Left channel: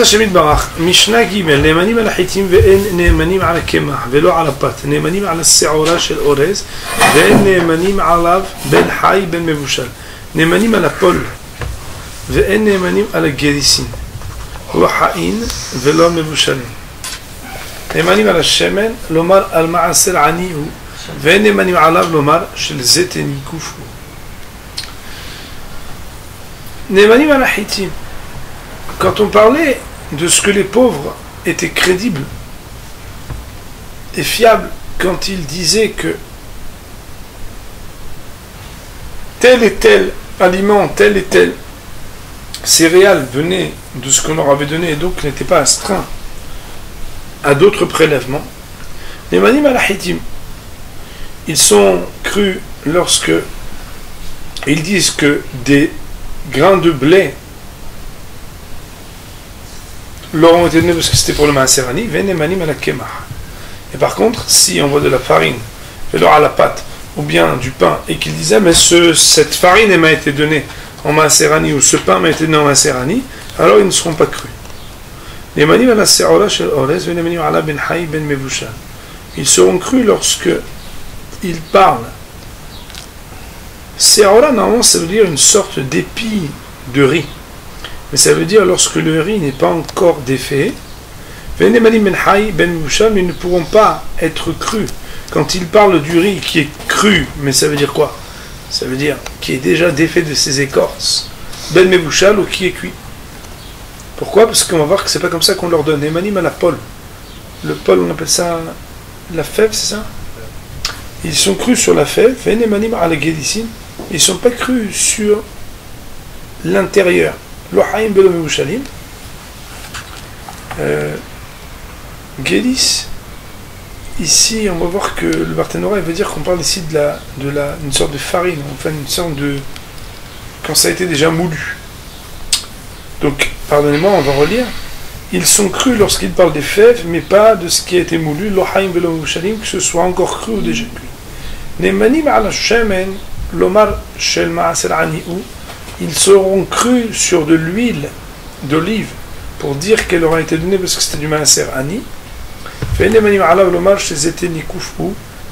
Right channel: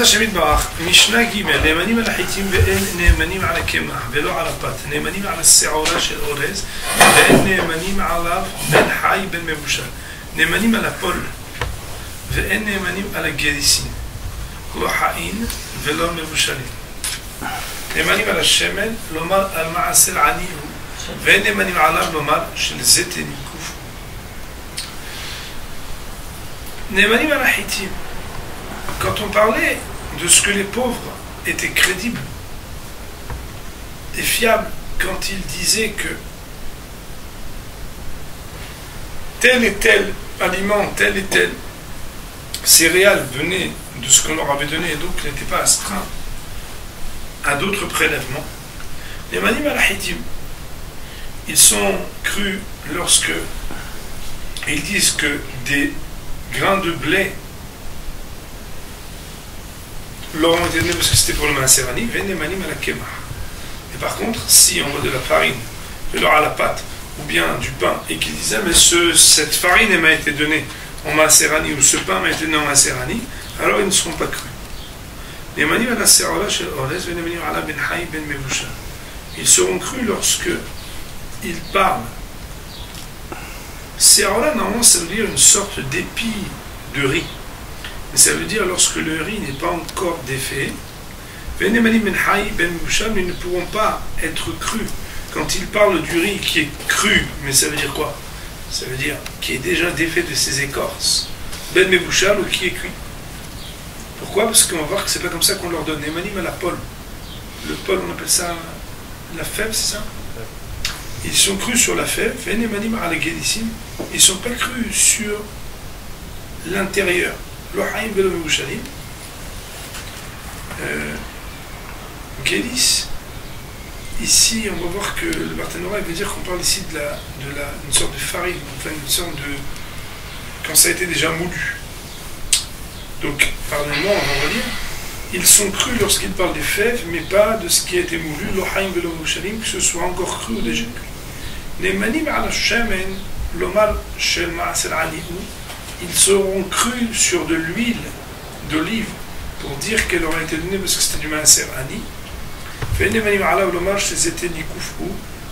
השם יתברך, משנה ג' נאמנים על החיטים ואין נאמנים על הקמח ולא על הפת, נאמנים על השעורה של אורז ואין נאמנים עליו בין חי בין מבושל, נאמנים על הפול ואין נאמנים על הגריסין, לא חיים ולא מבושלים, נאמנים על השמן, לומר על מעשר עני הוא, ואין נאמנים עליו לומר של זיתן ייקוף הוא. נאמנים על החיטים. Quand on parlait de ce que les pauvres étaient crédibles et fiables quand ils disaient que tel et tel aliment, tel et tel céréales venait de ce qu'on leur avait donné et donc n'était pas astreint à d'autres prélèvements, les manim al-hitim, ils sont crus lorsque ils disent que des grains de blé leur ont été donnés parce que c'était pour le maaserani, et par contre, si on voit de la farine, alors à la pâte, ou bien du pain, et qu'ils disaient, mais cette farine m'a été donnée en maaserani, ou ce pain m'a été donné en maaserani, alors ils ne seront pas crus. Ils seront crus lorsque ils parlent. Se'ora, normalement, ça veut dire une sorte d'épi de riz. Mais ça veut dire lorsque le riz n'est pas encore défait, ils ne pourront pas être crus. Quand ils parlent du riz qui est cru, mais ça veut dire quoi? Ça veut dire qui est déjà défait de ses écorces, ben mebouchal ou qui est cuit. Pourquoi? Parce qu'on va voir que c'est pas comme ça qu'on leur donne. Emanim à la pole. Le pole, on appelle ça la fève, c'est ça? Ils sont crus sur la fève, emanim à la guédicine. Ils ne sont pas crus sur l'intérieur. L'ohaim belo mebouchalim. Guélis. Ici, on va voir que le Barthénora veut dire qu'on parle ici d'une sorte de farine, enfin une sorte de... quand ça a été déjà moulu. Donc, pardonnez-moi, on va relire. Ils sont crus lorsqu'ils parlent des fèves, mais pas de ce qui a été moulu, l'ohaim velo mebouchalim, que ce soit encore cru ou déjà cuit. Nemanim ala shamen, l'omar shel ma'asel ani'u, ils seront crus sur de l'huile d'olive pour dire qu'elle aura été donnée parce que c'était du maaser ani. Mais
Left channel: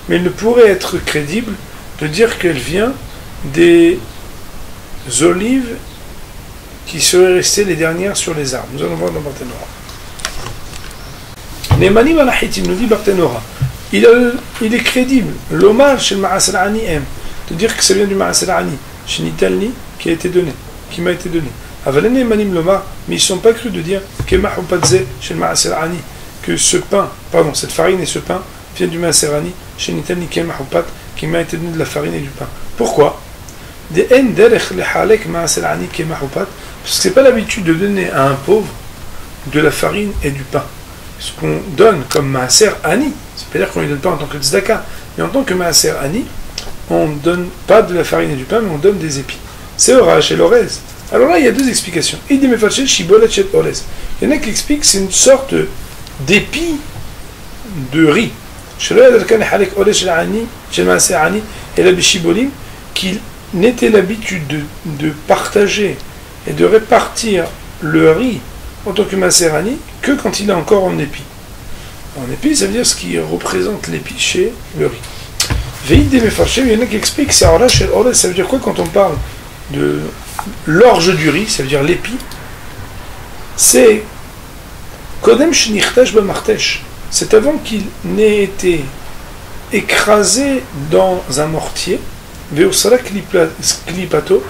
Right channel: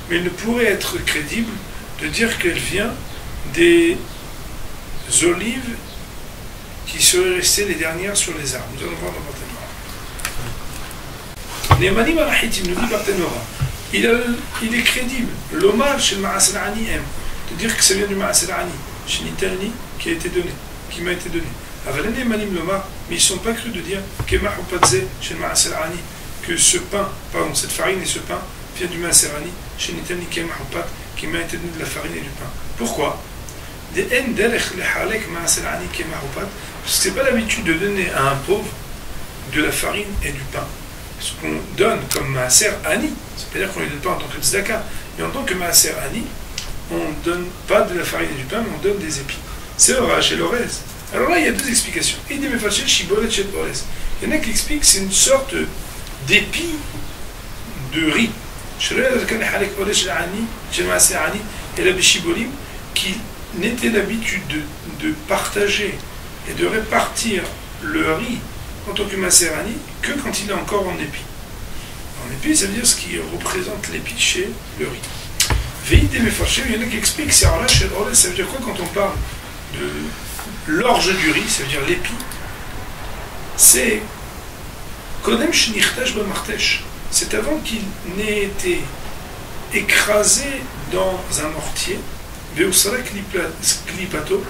il ne pourrait être crédible de dire qu'elle vient des olives qui seraient restées les dernières sur les arbres. Nous allons voir dans Barthénora. Nemanim al-Hitim, nous dit Barthénora, il est crédible, l'omar chez le maaser ani aime, de dire que ça vient du maaser ani, chez Nitalni, qui a été donné, qui m'a été donné. Avalene manim loma, mais ils ne sont pas crus de dire que ce pain, pardon, cette farine et ce pain viennent du maaserani, chez Nitani qui m'a été donné de la farine et du pain. Pourquoi? Parce que c'est pas l'habitude de donner à un pauvre de la farine et du pain. Ce qu'on donne comme maaser ani, c'est-à-dire qu'on ne lui donne pas en tant que tzedaka, mais en tant que maaser ani, on ne donne pas de la farine et du pain, mais on donne des épis. C'est orage et l'orez. Alors là, il y a deux explications. Il y en a qui expliquent que c'est une sorte d'épi de riz. Qu'il n'était l'habitude de partager et de répartir le riz en tant que maserani que quand il est encore en épi. En épi, ça veut dire ce qui représente l'épi chez le riz. Il y en a qui expliquent que c'est orage et l'orez. Ça veut dire quoi quand on parle de l'orge du riz, ça veut dire l'épi, c'est Kodem Shnichtash Bamartesh. C'est avant qu'il n'ait été écrasé dans un mortier, Veosara Klipato,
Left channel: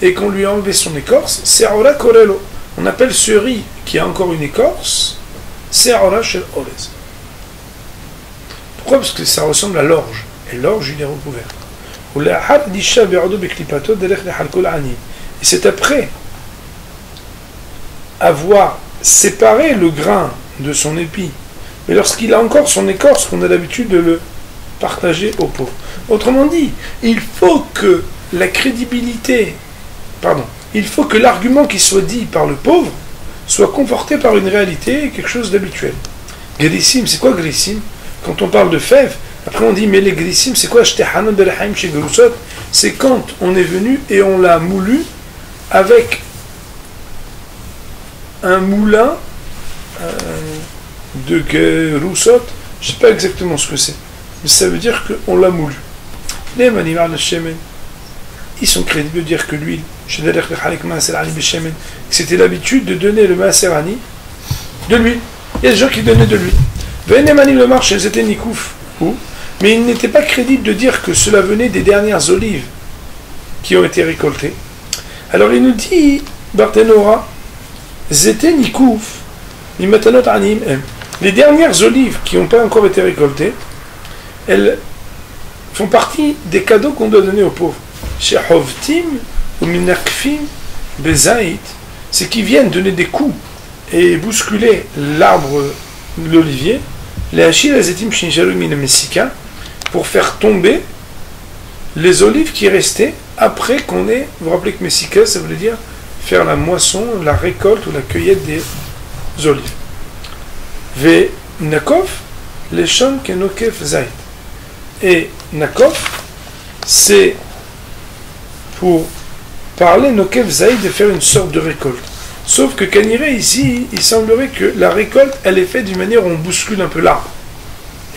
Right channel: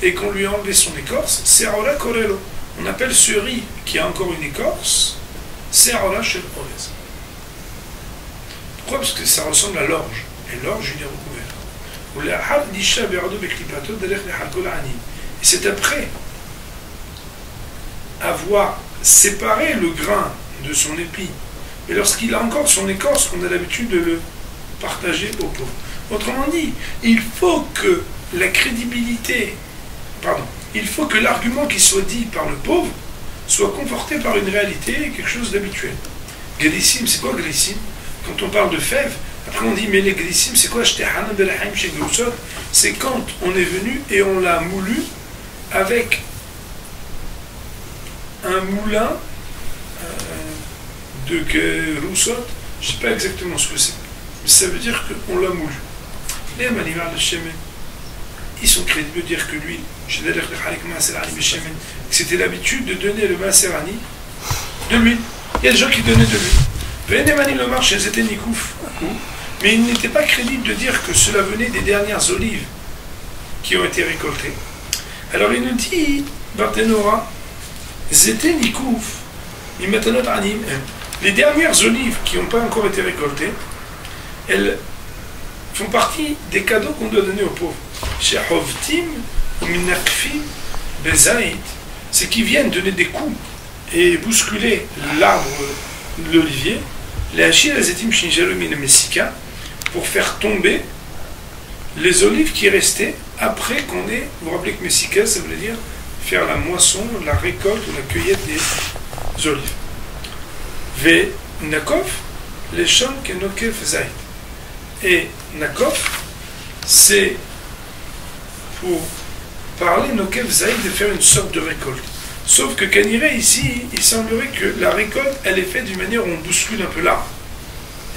et qu'on lui a enlevé son écorce, Se'ora Korelo. On appelle ce riz qui a encore une écorce, Se'ora Shel Orez. Pourquoi? Parce que ça ressemble à l'orge, et l'orge il est recouvert. Et c'est après avoir séparé le grain de son épi, mais lorsqu'il a encore son écorce, qu'on a l'habitude de le partager aux pauvres. Autrement dit, il faut que la crédibilité, il faut que l'argument qui soit dit par le pauvre soit conforté par une réalité, quelque chose d'habituel. Grissim, c'est quoi grissim? Quand on parle de fèves, après on dit, mais les grissim, c'est quoi? C'est quand on est venu et on l'a moulu avec un moulin de Roussot, je ne sais pas exactement ce que c'est, mais ça veut dire qu'on l'a moulu. Les manimal le shemen, ils sont crédibles de dire que l'huile, que c'était l'habitude de donner le maaserani de l'huile. Il y a des gens qui donnaient de l'huile. Venemanil le marché, c'était nikouf, mais il n'était pas crédible de dire que cela venait des dernières olives qui ont été récoltées. Alors il nous dit, Barthénora, c'était nikouf, mimatanot anim. Les dernières olives qui n'ont pas encore été récoltées, elles font partie des cadeaux qu'on doit donner aux pauvres. Chez Hovtim ou Minakfim Bezaït, c'est qu'ils viennent donner des coups et bousculer l'arbre, l'olivier, les Hachil Azetim Shinjalu Minamessika, pour faire tomber les olives qui restaient après qu'on ait. Vous vous rappelez que Messika, ça voulait dire faire la moisson, la récolte ou la cueillette des olives. Ve Nakov, les Sham Kenokef Zaït. Et Nakov, c'est pour parler Nokev Zaïd de faire une sorte de récolte. Sauf que Kaniré ici, il semblerait que la récolte, elle est faite d'une manière où on bouscule un peu l'arbre.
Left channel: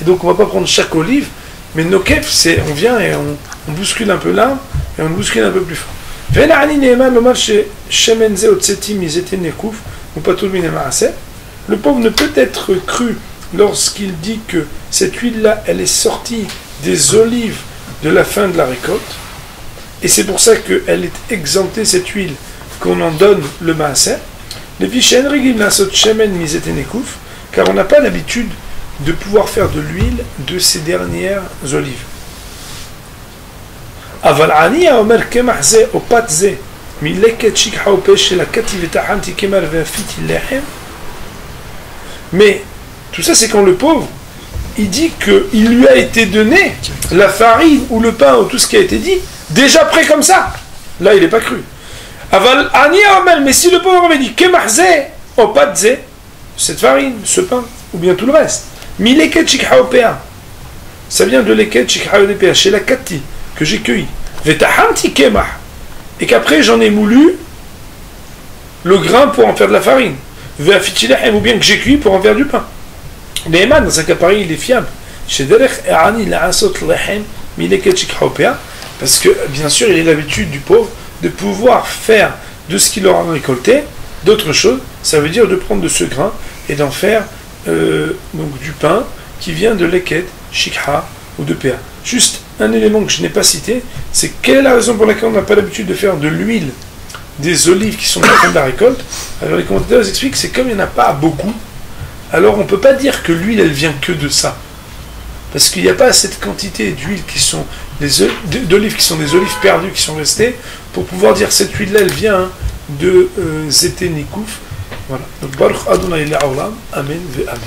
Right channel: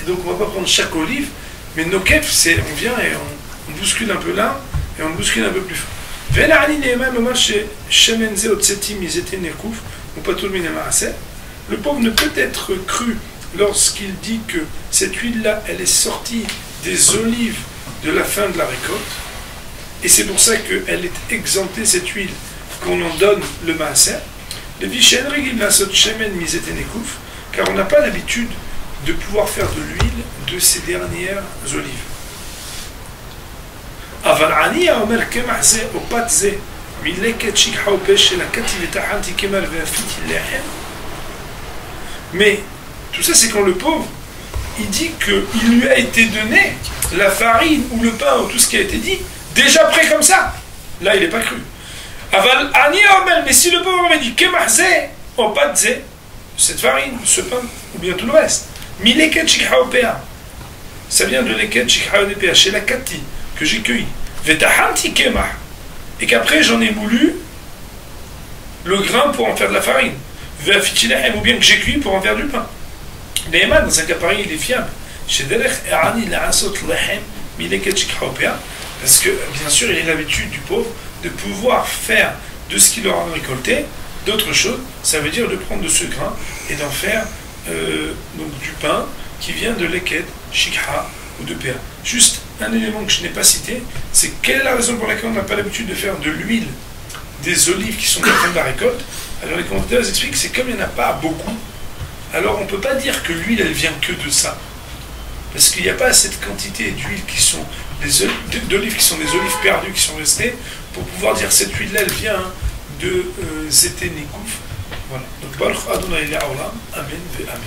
Et donc on ne va pas prendre chaque olive, mais Nokev, c'est on vient et on bouscule un peu l'arbre et on bouscule un peu plus fort. Le pauvre ne peut être cru lorsqu'il dit que cette huile-là, elle est sortie des olives de la fin de la récolte. Et c'est pour ça qu'elle est exemptée, cette huile, qu'on en donne le maaser. Car on n'a pas l'habitude de pouvoir faire de l'huile de ces dernières olives. Mais tout ça, c'est quand le pauvre, il dit qu'il lui a été donné la farine ou le pain ou tout ce qui a été dit, déjà prêt comme ça. Là, il n'est pas cru. Mais si le pauvre avait dit cette farine, ce pain, ou bien tout le reste, ça vient de leket chikhaopea, chez la kati, que j'ai cueilli. Et qu'après, j'en ai moulu le grain pour en faire de la farine. Ou bien que j'ai cuit pour en faire du pain. Neyman, dans un cas pareil, il est fiable. Parce que, bien sûr, il a l'habitude du pauvre de pouvoir faire de ce qu'il aura récolté d'autres choses. Ça veut dire de prendre de ce grain et d'en faire donc du pain qui vient de leket, shikha ou de péa. Juste un élément que je n'ai pas cité, c'est quelle est la raison pour laquelle on n'a pas l'habitude de faire de l'huile des olives qui sont en fin de la récolte. Alors les commentateurs expliquent que c'est comme il n'y en a pas beaucoup, alors on ne peut pas dire que l'huile elle vient que de ça. Parce qu'il n'y a pas cette quantité d'huile qui sont d'olives qui sont des olives perdues qui sont restées pour pouvoir dire cette huile là elle vient de Zété Nikouf. Voilà. Donc Baruch Adonai Le'olam, Amen ve Amen.